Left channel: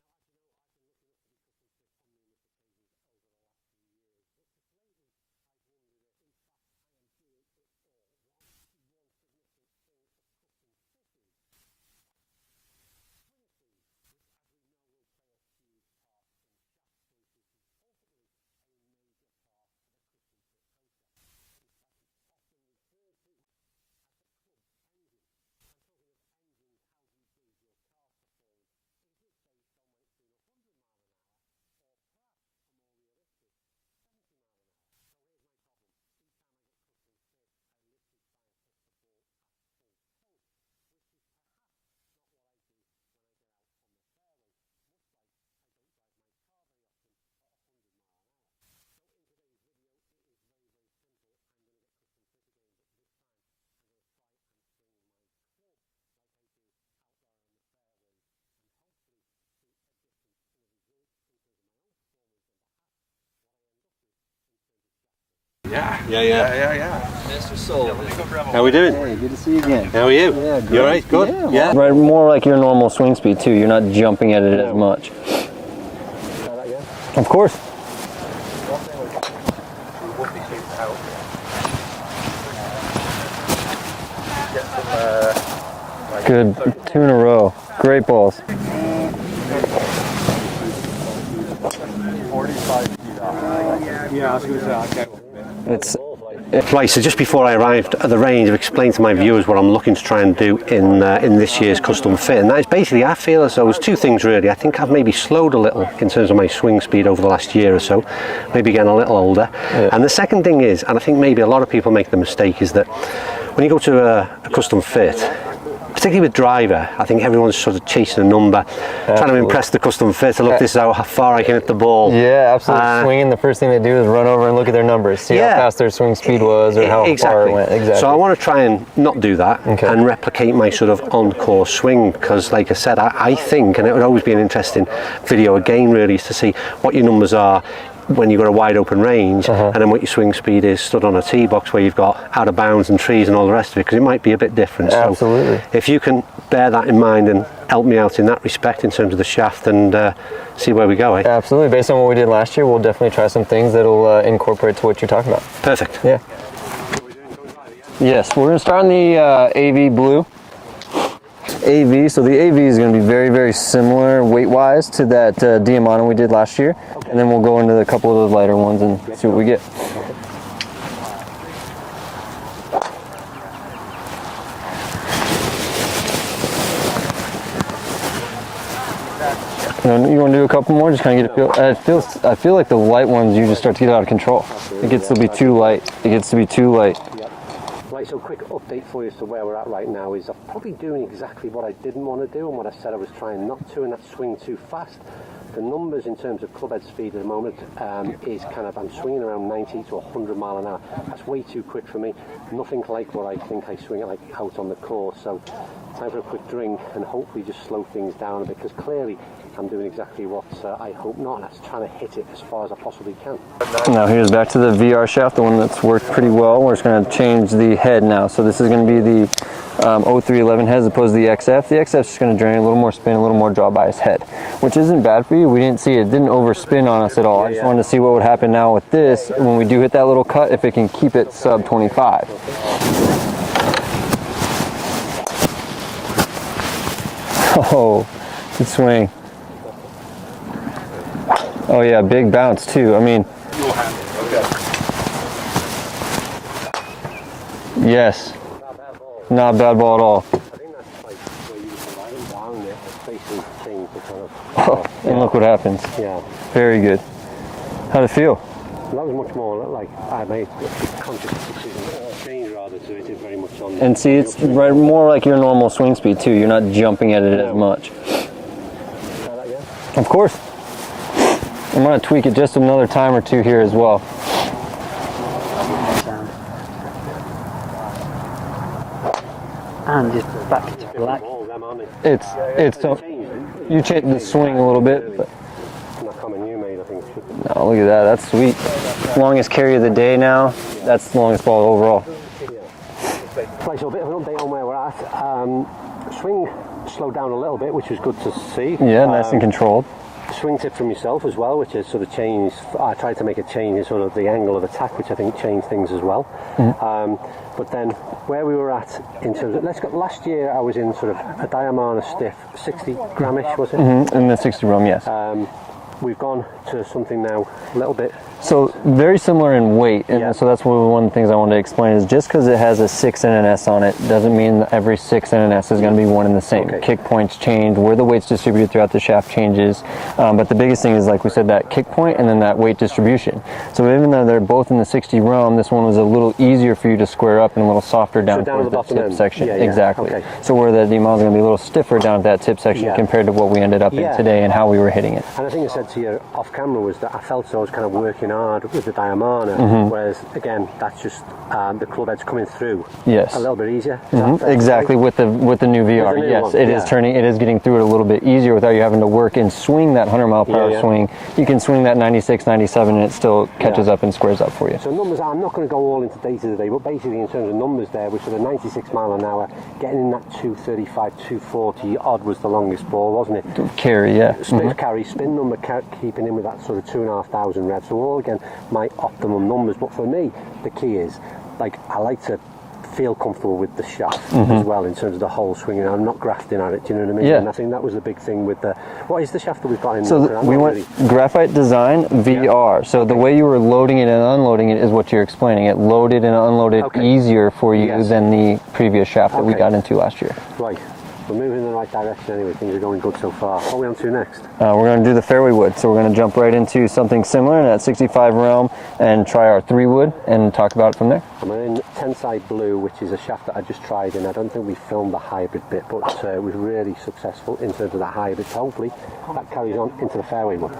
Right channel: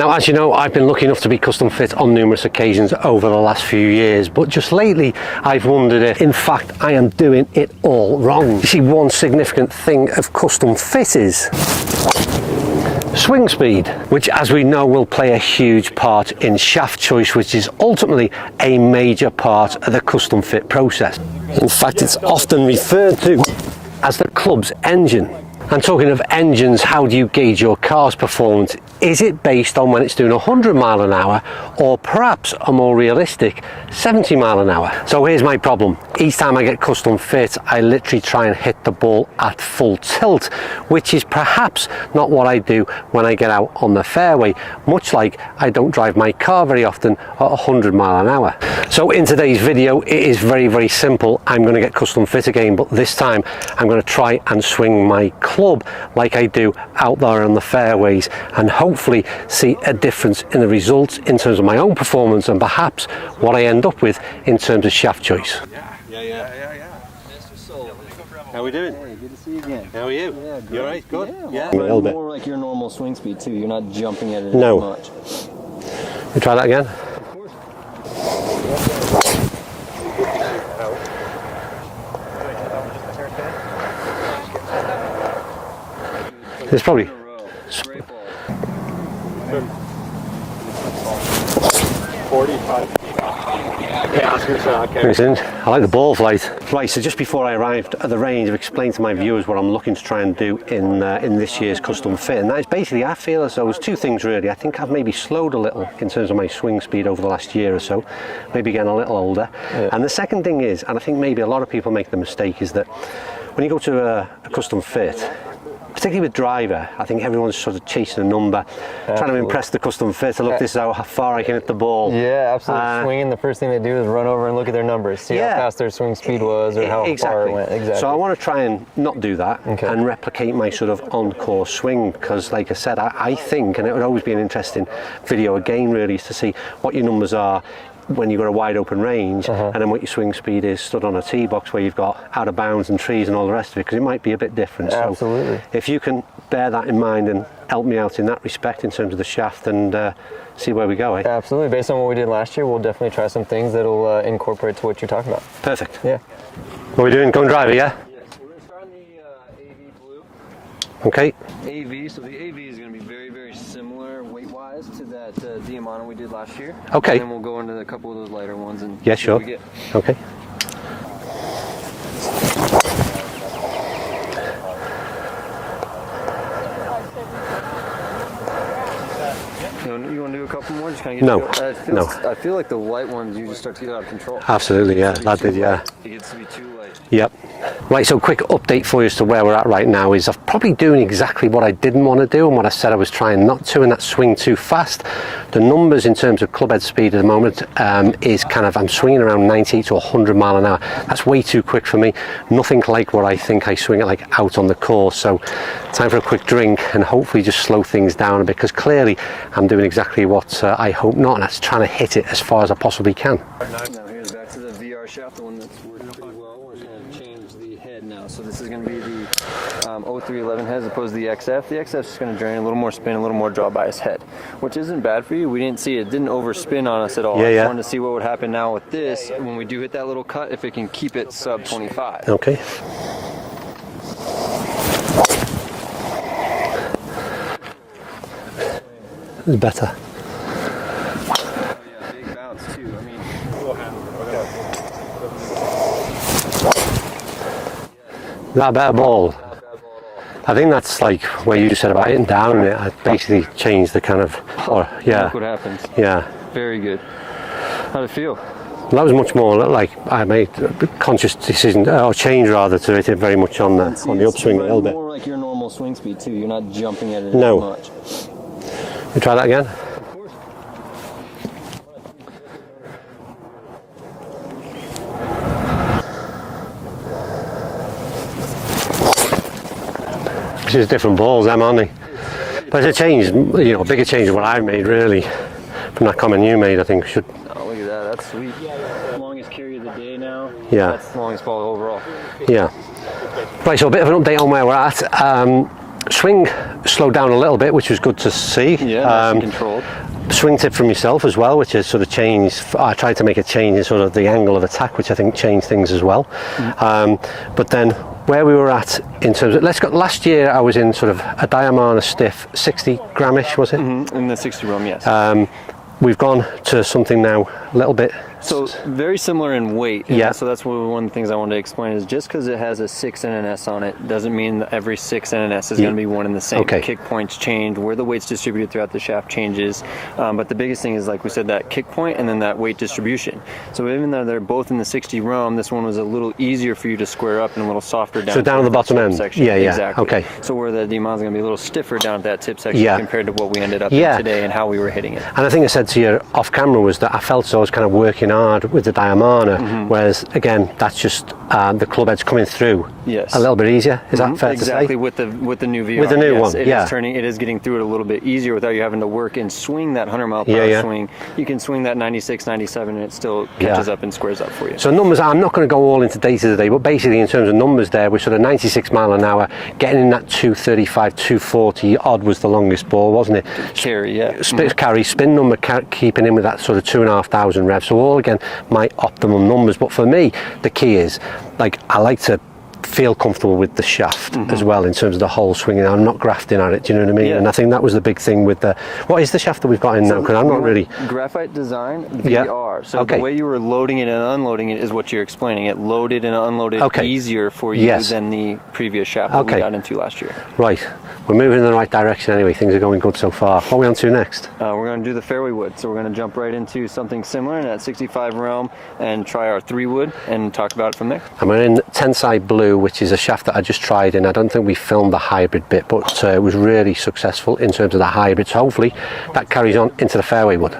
Now, as you know, I've been lucky enough to be custom fit on numerous occasions over the last few years, but just lately I've wondered if, in fact, I am doing it all wrong. You see, one significant thing of custom fit is swing speed, which, as we know, will play a huge part in shaft choice, which is ultimately a major part of the custom fit process. In fact, it's often referred to as the club's engine. And talking of engines, how do you gauge your car's performance? Is it based on when it's doing 100 mile an hour, or perhaps a more realistic 70 mile an hour? So here's my problem. Each time I get custom fit, I literally try and hit the ball at full tilt, which is perhaps not what I do when I get out on the fairway, much like I don't drive my car very often at 100 mile an hour. So in today's video, it is very, very simple. I'm going to get custom fit again, but this time I'm going to try and swing my club like I do out there on the fairways, and hopefully see a difference in the results in terms of my own performance, and perhaps what I end up with in terms of shaft choice. Yeah. Mr. Sullivan. How are we doing? Hey, good to see you again. How are you? Yeah, good. You all right? Good? Yeah. Right, more like your normal swing speed too. You're not jumping at it as much. You try that again? Of course. Good. There's probably 2 in a row. Straight balls. 45 feet. I like the ball flight. Right, so just before I arrived at the range, I've explained to my viewers what I'm looking to try and do in this year's custom fit, and that is basically, I feel as though there's two things really. I think I've maybe slowed a little in terms of my swing speed over the last year or so, maybe getting a little older. And the second thing is, and I think maybe a lot of people make the mistake, is that when you go to a custom fit, particularly with driver, I think everyone's sort of chasing a number, trying to impress the custom fit. Look, this is how far I can hit the ball. Yeah, absolutely. Swinging, the first thing they do is run over and look at their numbers, see how fast their swing speed was, or how far it went. Exactly. So I want to try and not do that, and replicate my sort of on-course swing, because like I said, I think, and it would always be an interesting video again really, is to see what your numbers are when you've got a wide open range, and then what your swing speed is stood on a tee box where you've got out of bounds and trees and all the rest of it, because it might be a bit different. Absolutely. So if you can bear that in mind and help me out in that respect in terms of the shaft, and see where we go. Absolutely. Based on what we did last year, we'll definitely try some things that'll incorporate to what you're talking about. Perfect. Yeah. What are we doing? Going driver, yeah? Yes, we're going to start on the AV blue. Okay. AV, so the AV is going to be very, very similar weight-wise to that Diamante we did last year. Okay. And then we'll go into a couple of those lighter ones and see what we get. Okay. You want to do a couple more? Just kind of get a feel. I feel like the light ones, you just start to get out of control. Absolutely. It gets to be too light. It gets to be too light. Yep. Right, so quick update for you as to where we're at right now is I'm probably doing exactly what I didn't want to do and what I said I was trying not to, and that's swing too fast. The numbers in terms of club head speed at the moment is kind of, I'm swinging around 90 to 100 mile an hour. That's way too quick for me. Nothing like what I think I swing it like out on the course. So time for a quick drink and hopefully just slow things down a bit, because clearly I'm doing exactly what I hope not, and that's trying to hit it as far as I possibly can. Now here's back to the VR shaft, the one that's worked pretty well. We're just going to change the head now. So this is going to be the 0311 head as opposed to the XF. The XF is just going to generate a little more spin, a little more draw bias head, which isn't bad for you. We didn't see it. It didn't overspin on us at all. I just wanted to see what would happen now with this when we do hit that little cut, if it can keep it sub 25. Okay. Oh, good swing. It's better. Oh yeah, big bounce too. I mean, yes. Not a bad ball. Not a bad ball at all. I think that's like where you said about hitting down in it. I basically changed the kind of, yeah. Look what happens. Yeah. Very good. How'd it feel? That was much more like I made a conscious decision, or change rather, to hit it very much on the, and see, on the it's upswing. Right, more like your normal swing speed too. You're not jumping at it as much. You try that again? Of course. I'm going to tweak it just another time or two here as well. Which is different balls, them, aren't they? But it's a change, you know, bigger change than what I made, really. From that comment you made, I think should. Oh, look at that, that's sweet. Longest carry of the day now. Yeah. That's the longest ball overall. Yeah. Right, so a bit of an update on where we're at. Swing slowed down a little bit, which was good to see. Yeah, nice and controlled. Swing tip from yourself as well, which has sort of changed. I tried to make a change in sort of the angle of attack, which I think changed things as well. But then where we were at in terms of, last year I was in sort of a Diamana stiff 60 gramish, was it? In the 60 room, yes. We've gone to something now a little bit. So very similar in weight. Yeah. So that's one of the things I wanted to explain is just because it has a 6 and an S on it doesn't mean that every 6 and an S is going to be one and the same. Okay. Kick points change, where the weight's distributed throughout the shaft changes. But the biggest thing is, like we said, that kick point and then that weight distribution. So even though they're both in the 60 realm, this one was a little easier for you to square up and a little softer down. So down at the bottom end section. Yeah, exactly. Okay. So where the Diamana is going to be a little stiffer down at that tip section compared to what we ended up in today and how we were hitting it. And I think I said to you off camera was that I felt as though I was kind of working hard with the Diamana, whereas again that's just the club head's coming through a little bit easier. Is that fair exactly to say? with the new VR? With the new one, it is getting through it a little bit easier without you having to work and swing that 100 mile per hour swing. You can swing that 96, 97 and it still catches up and squares up for you. So numbers, I'm not going to go all into data today, but basically in terms of numbers there, we're sort of 96 mile an hour, getting in that 235, 240 odd was the longest ball, wasn't it? Carry, yeah. Carry, spin number, keeping in with that sort of 2,500 revs. So all again, my optimum numbers. But for me, the key is, like, I like to feel comfortable with the shaft as well in terms of the whole swinging. I'm not grafting at it, do you know what I mean? Yeah. And I think that was the big thing with the, what is the shaft that we've got in now? Because I'm not really... Graphite design VR. So the way you were loading it and unloading it is what you're explaining. It loaded and unloaded easier for you than the previous shaft that we got into last year. Right. We're moving in the right direction anyway. Things are going good so far. What are we on to next? We're going to do the fairway wood. So we're going to jump right into something similar in that 65 realm and try our 3 wood and talk about it from there. And we're in Tensai Blue, which is a shaft that I just tried in. I don't think we filmed the hybrid bit, but it was really successful in terms of the hybrid. So hopefully that carries on into the fairway wood.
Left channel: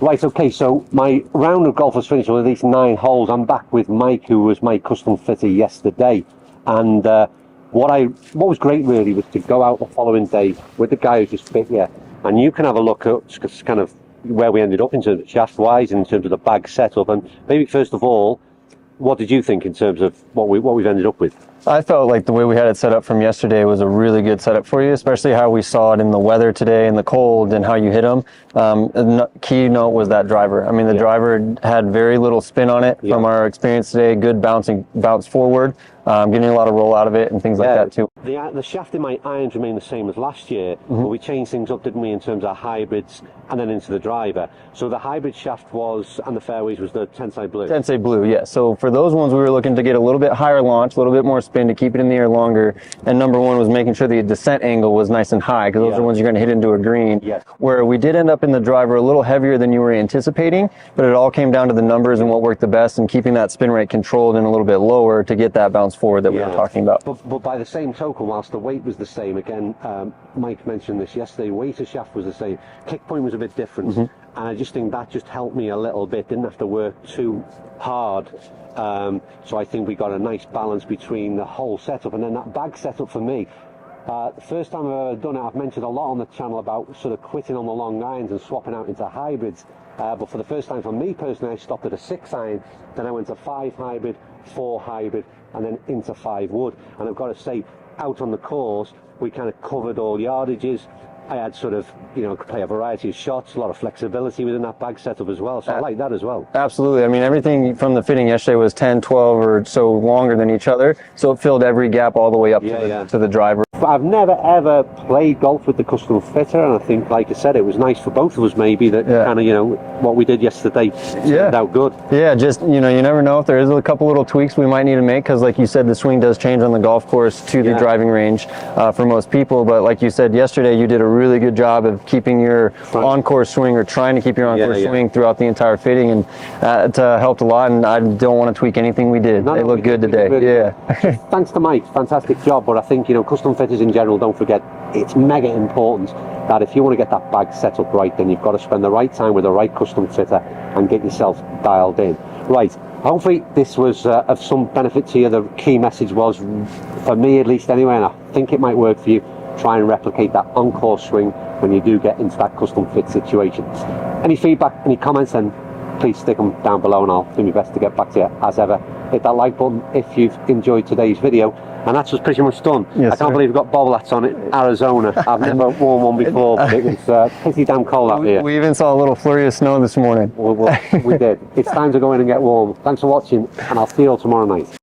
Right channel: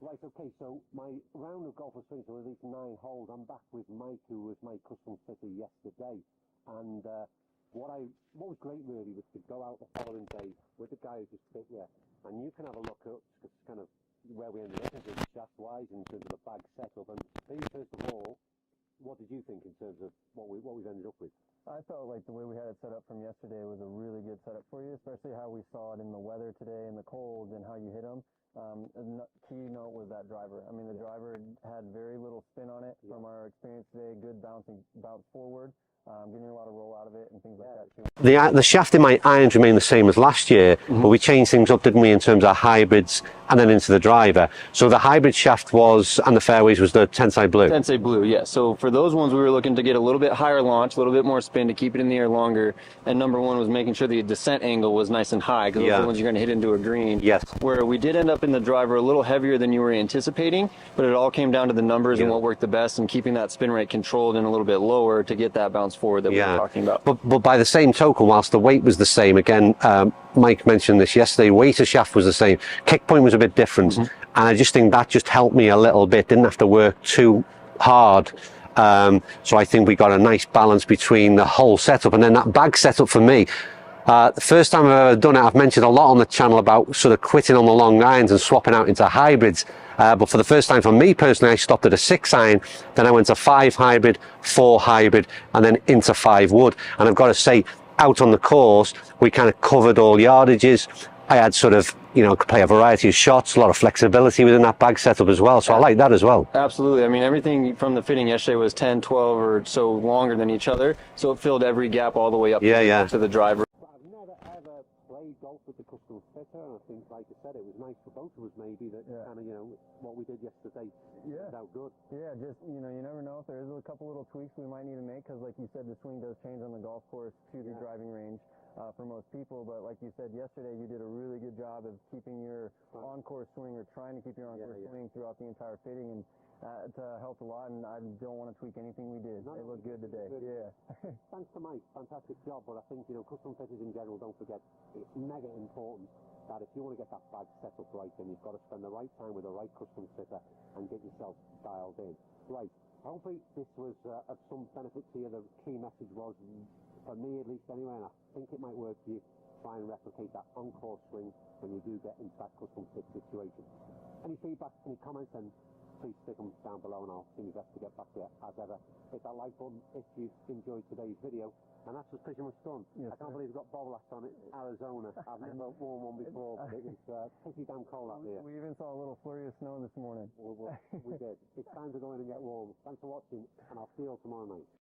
Right, okay, so my round of golf was finished with these 9 holes. I'm back with Mike, who was my custom fitter yesterday. And what was great really was to go out the following day with the guy who just fit you. And you can have a look at kind of where we ended up in terms of shaft-wise, in terms of the bag setup. And maybe first of all, what did you think in terms of what we've ended up with? I felt like the way we had it set up from yesterday was a really good setup for you, especially how we saw it in the weather today and the cold and how you hit them. The key note was that driver. I mean, the driver had very little spin on it from our experience today. Good bounce forward, getting a lot of roll out of it and things like that too. The shaft in my irons remained the same as last year, but we changed things up, didn't we, in terms of hybrids and then into the driver. So the hybrid shaft was, and the fairways was the Tensai Blue. Tensai Blue, yeah. So for those ones, we were looking to get a little bit higher launch, a little bit more spin to keep it in the air longer. And number one was making sure the descent angle was nice and high, because those are the ones you're going to hit into a green. Yes. Where we did end up in the driver a little heavier than you were anticipating, but it all came down to the numbers and what worked the best and keeping that spin rate controlled and a little bit lower to get that bounce forward that we were talking about. But by the same token, whilst the weight was the same, again, Mike mentioned this yesterday, weight of shaft was the same. Kick point was a bit different. And I just think that just helped me a little bit. Didn't have to work too hard. So I think we got a nice balance between the whole setup. And then that bag setup for me, the first time I've ever done it, I've mentioned a lot on the channel about sort of quitting on the long irons and swapping out into hybrids. But for the first time for me personally, I stopped at a 6 iron, then I went to 5 hybrid, 4 hybrid, and then into 5 wood. And I've got to say, out on the course, we kind of covered all yardages. I had sort of, could play a variety of shots, a lot of flexibility within that bag setup as well. So I like that as well. Absolutely. I mean, everything from the fitting yesterday was 10, 12 or so longer than each other. So it filled every gap all the way up to the driver. I've never ever played golf with the custom fitter, and I think, like I said, it was nice for both of us maybe that kind of, what we did yesterday turned out good. Yeah, just, you never know if there is a couple little tweaks we might need to make, because like you said, the swing does change on the golf course to the driving range for most people. But like you said yesterday, you did a really good job of keeping your encore swing or trying to keep your encore swing throughout the entire fitting, and that helped a lot. And I don't want to tweak anything we did. They look good today. Yeah. Thanks to Mike, fantastic job. But I think, you know, custom fitters in general, don't forget, it's mega important that if you want to get that bag set up right, then you've got to spend the right time with the right custom fitter and get yourself dialed in. Right, hopefully this was of some benefit to you. The key message was, for me at least anyway, and I think it might work for you, try and replicate that encore swing when you do get into that custom fit situation. Any feedback, any comments, then please stick them down below and I'll do my best to get back to you as ever. Hit that like button if you've enjoyed today's video. And that's just pretty much done. Yes, I can't believe we've got bobble hats on it, Arizona. I've never worn one before, but it was pretty damn cold out here. We even saw a little flurry of snow this morning. We did. It's time to go in and get warm. Thanks for watching, and I'll see you all tomorrow night.